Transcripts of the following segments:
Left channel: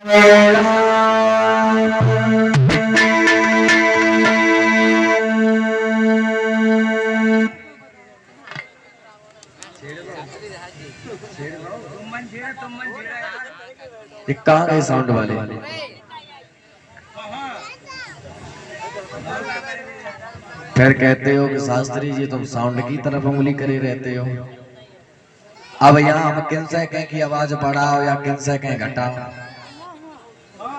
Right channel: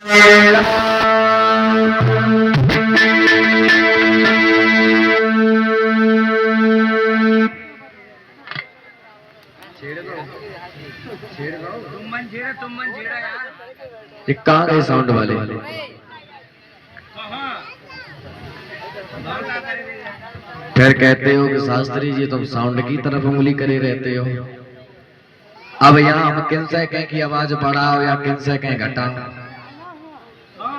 कहाँ गए साउंड वाले? फिर कहते हो कि शास्त्री जी तुम साउंड की तरफ उंगली करे रहते हो। अब यहाँ हम किन से कहें कि आवाज बढ़ाओ या किन से कहें घटाओ,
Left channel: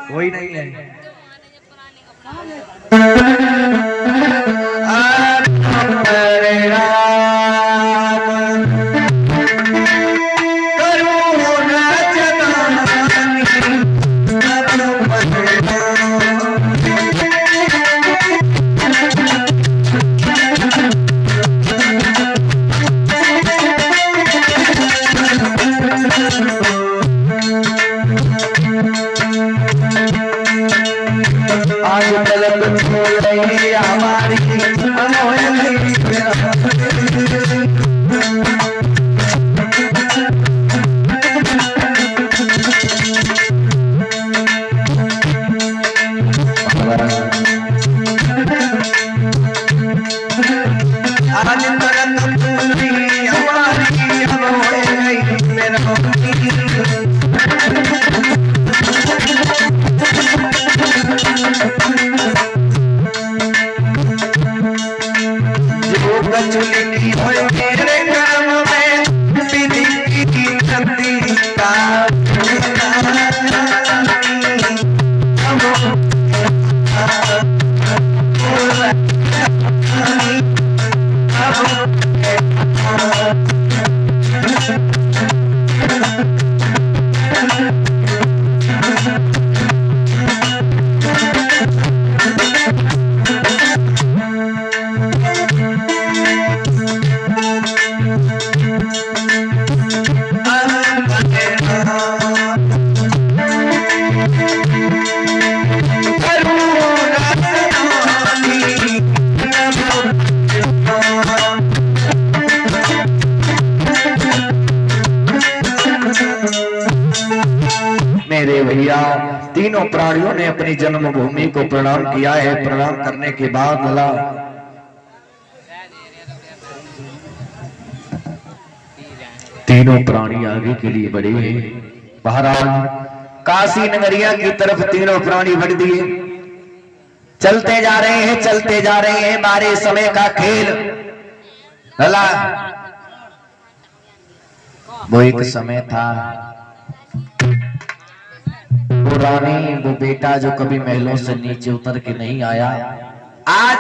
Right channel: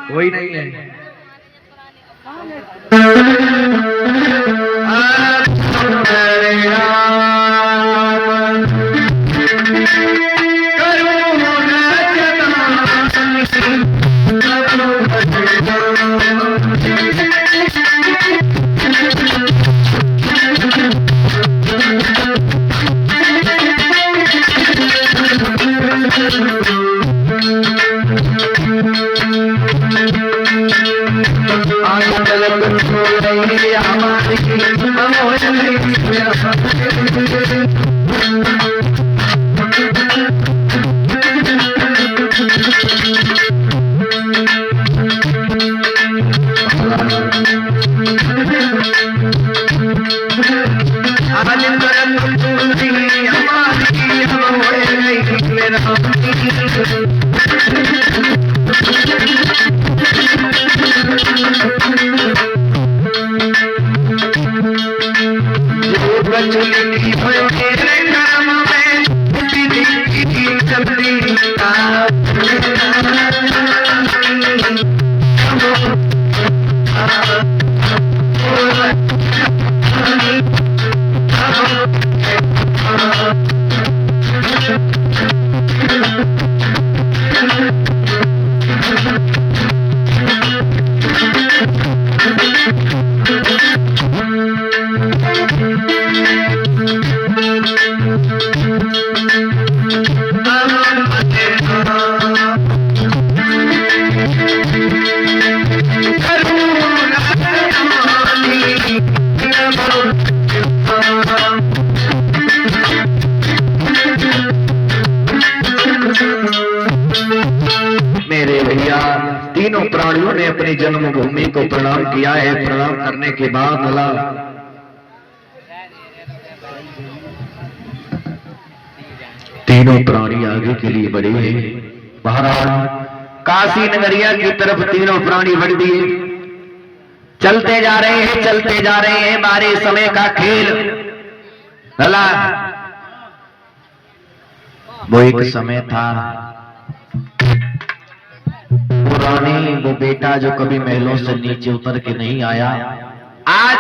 कोई नहीं है। मेरे भैया तीनों प्राणियों ने अपनी जन्मभूमि को प्रणाम किया है। प्रणाम करने के बाद भला तीनों प्राणी आगे के लिए बढ़े हैं। महाराज काशी नगरिया की तरफ तीनों प्राणी बढ़ दिए, चलते जा रहे हैं, चलते जा रहे हैं। हमारे समय का खेल भला वो एक समय था, रानी वो बेटा जो कभी महलों से नीचे उतर के नहीं आया। आज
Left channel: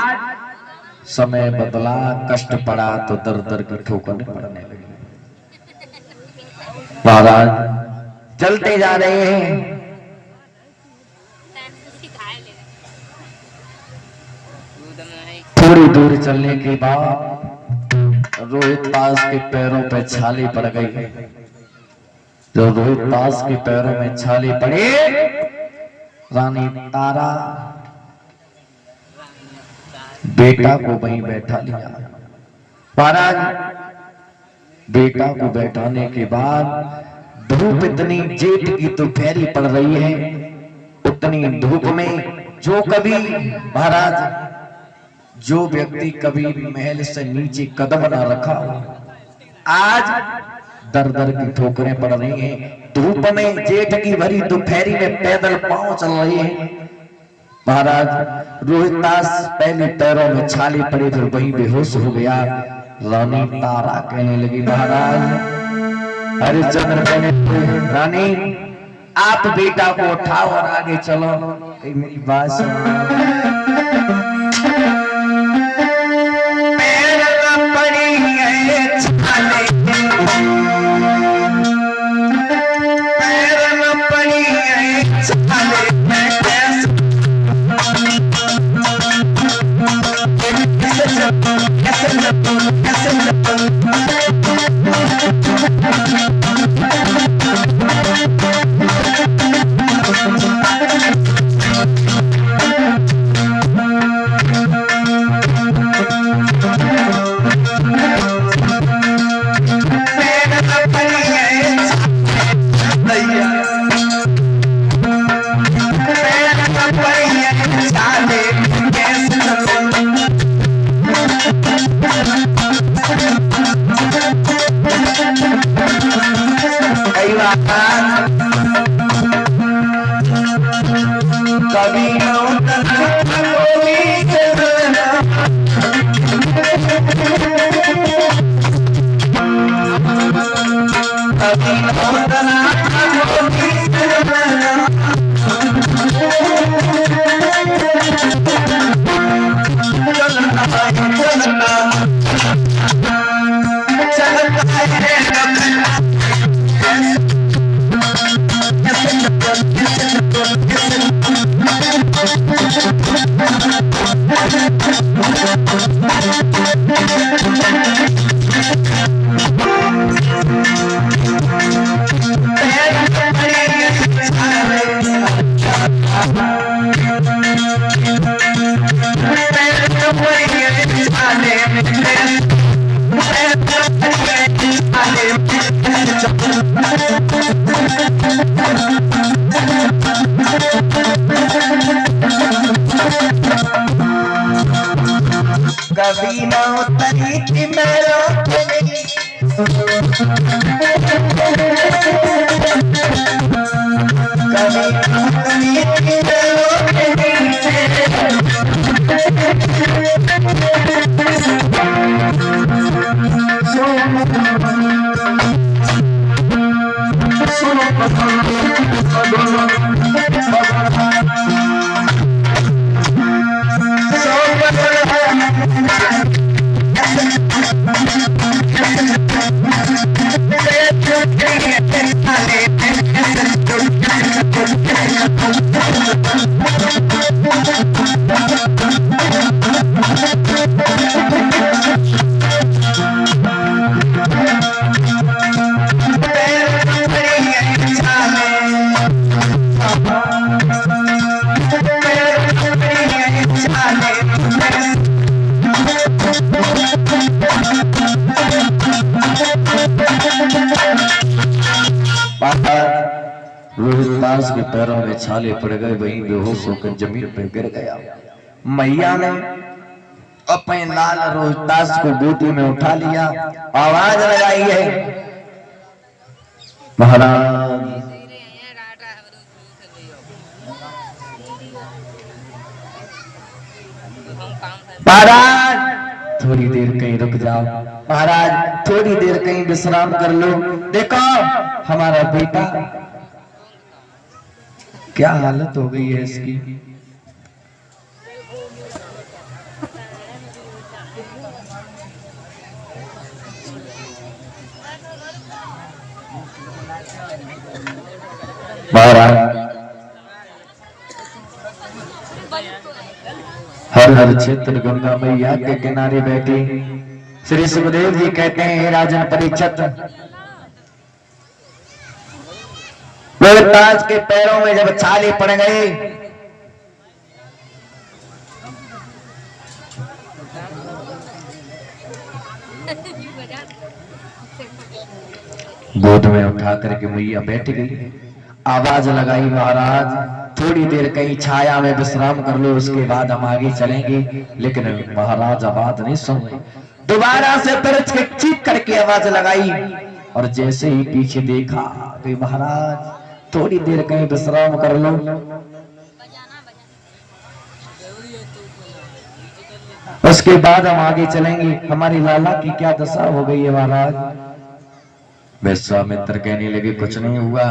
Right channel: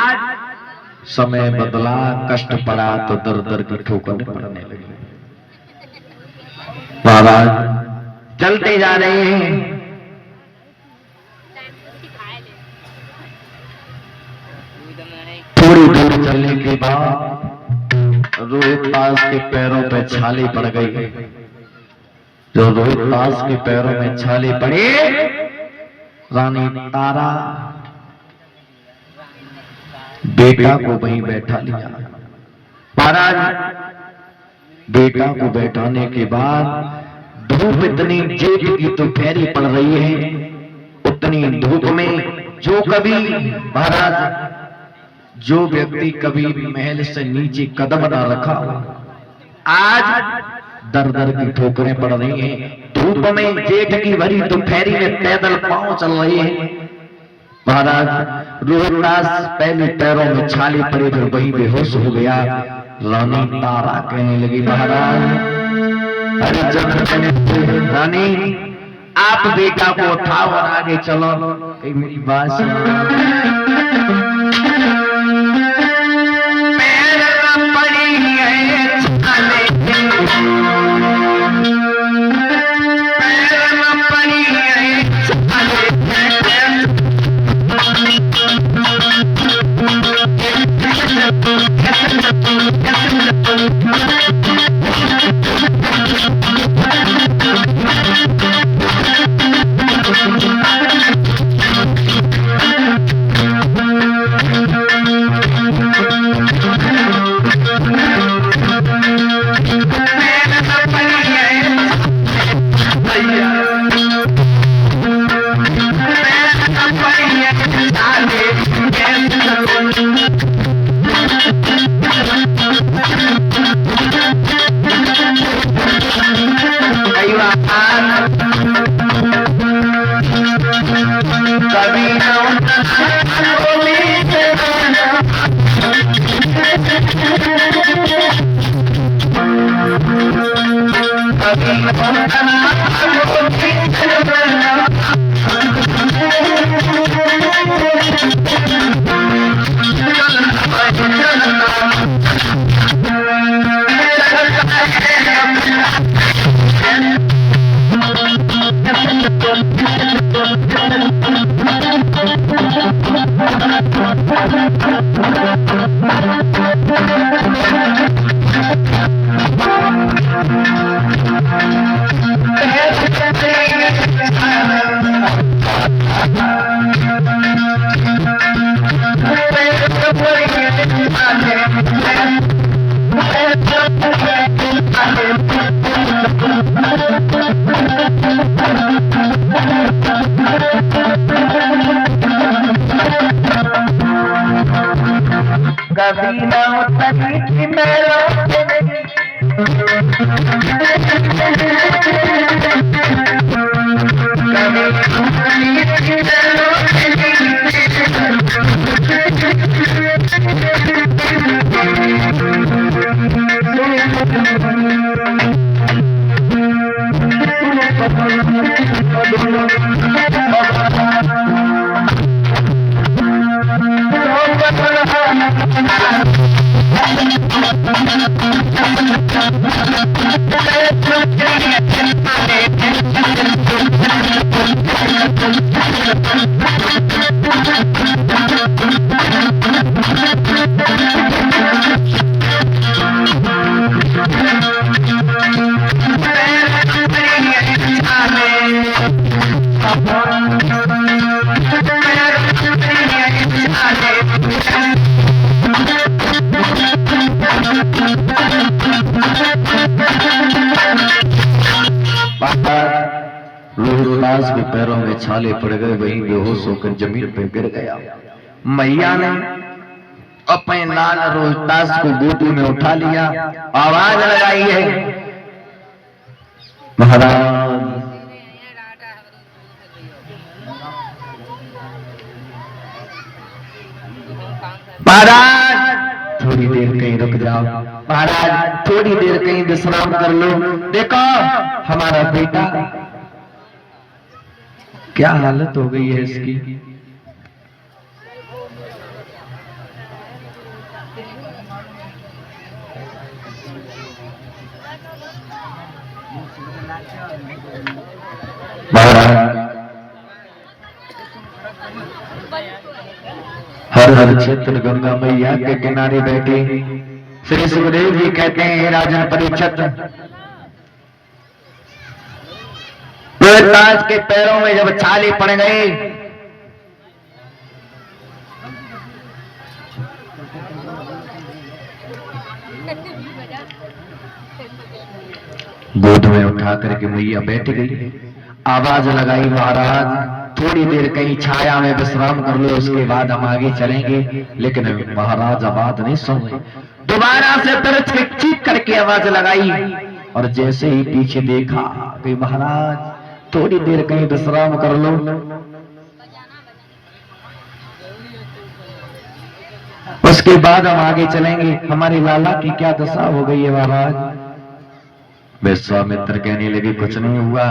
समय बदला, कष्ट पड़ा तो दर दर की ठोकर पड़ने लगी। महाराज चलते जा रहे हैं, थोड़ी दूर चलने के बाद रोहितदास के पैरों पे छाले पड़ गई। जो रोहितदास के पैरों में छाले पड़े, रानी तारा बेटा को वहीं बैठा लिया। महाराज बेटा को बैठाने के बाद धूप इतनी जेठ की दोपहरी पड़ रही है, उतनी धूप में जो कभी महाराज जो व्यक्ति कभी महल से नीचे कदम ना रखा, आज दर दर की ठोकरें पड़ रही हैं। धूप में जेठ की भरी दोपहरी में पैदल पांव चल रहे हैं। महाराज रोहितदास पहले पैरों में छाले पड़े, फिर वही बेहोश हो गया। रानी तारा कहने लगी, महाराज हरिश्चंद्र रानी आप बेटा को उठाओ और आगे चलो। मेरी बात सुनो। कभी ना उतरी थी मेरा रोहिदास के पैरों में छाले पड़ गए, वहीं बेहोश होकर जमीन पे गिर गया। मैया ने अपने लाल रोहिदास को गोदी में उठा लिया, आवाज लगाई है, महाराज महाराज थोड़ी देर कहीं रुक जाओ, महाराज थोड़ी देर कहीं विश्राम कर लो। देखो हमारा बेटा क्या हालत हो गई है इसकी। महाराज हर हर क्षेत्र गंगा मैया के किनारे बैठे श्री सुखदेव जी कहते हैं, राजन परीक्षित रोहिदास के पैरों में जब छाले पड़ गए, गोद में उठा करके मैया बैठ गई, आवाज लगाई, महाराज थोड़ी देर कहीं छाया में विश्राम कर लो, उसके बाद हम आगे चलेंगे। लेकिन महाराज आवाज नहीं सुन रहे, दोबारा से तरस के चीख करके आवाज लगाई, और जैसे ही पीछे देखा कि महाराज थोड़ी देर कहीं विश्राम कर लो। उसके बाद हम आगे चलेंगे। हमारी लाला की क्या दशा हो गई है महाराज। विश्वामित्र कहने लगे, कुछ नहीं हुआ,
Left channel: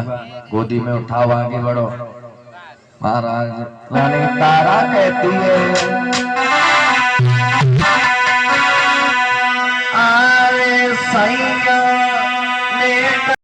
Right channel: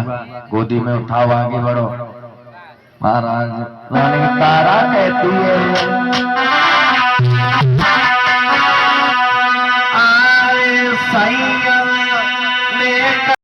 गोदी में उठाओ, आगे बढ़ो। महाराज रानी तारा कहती है, आए साईं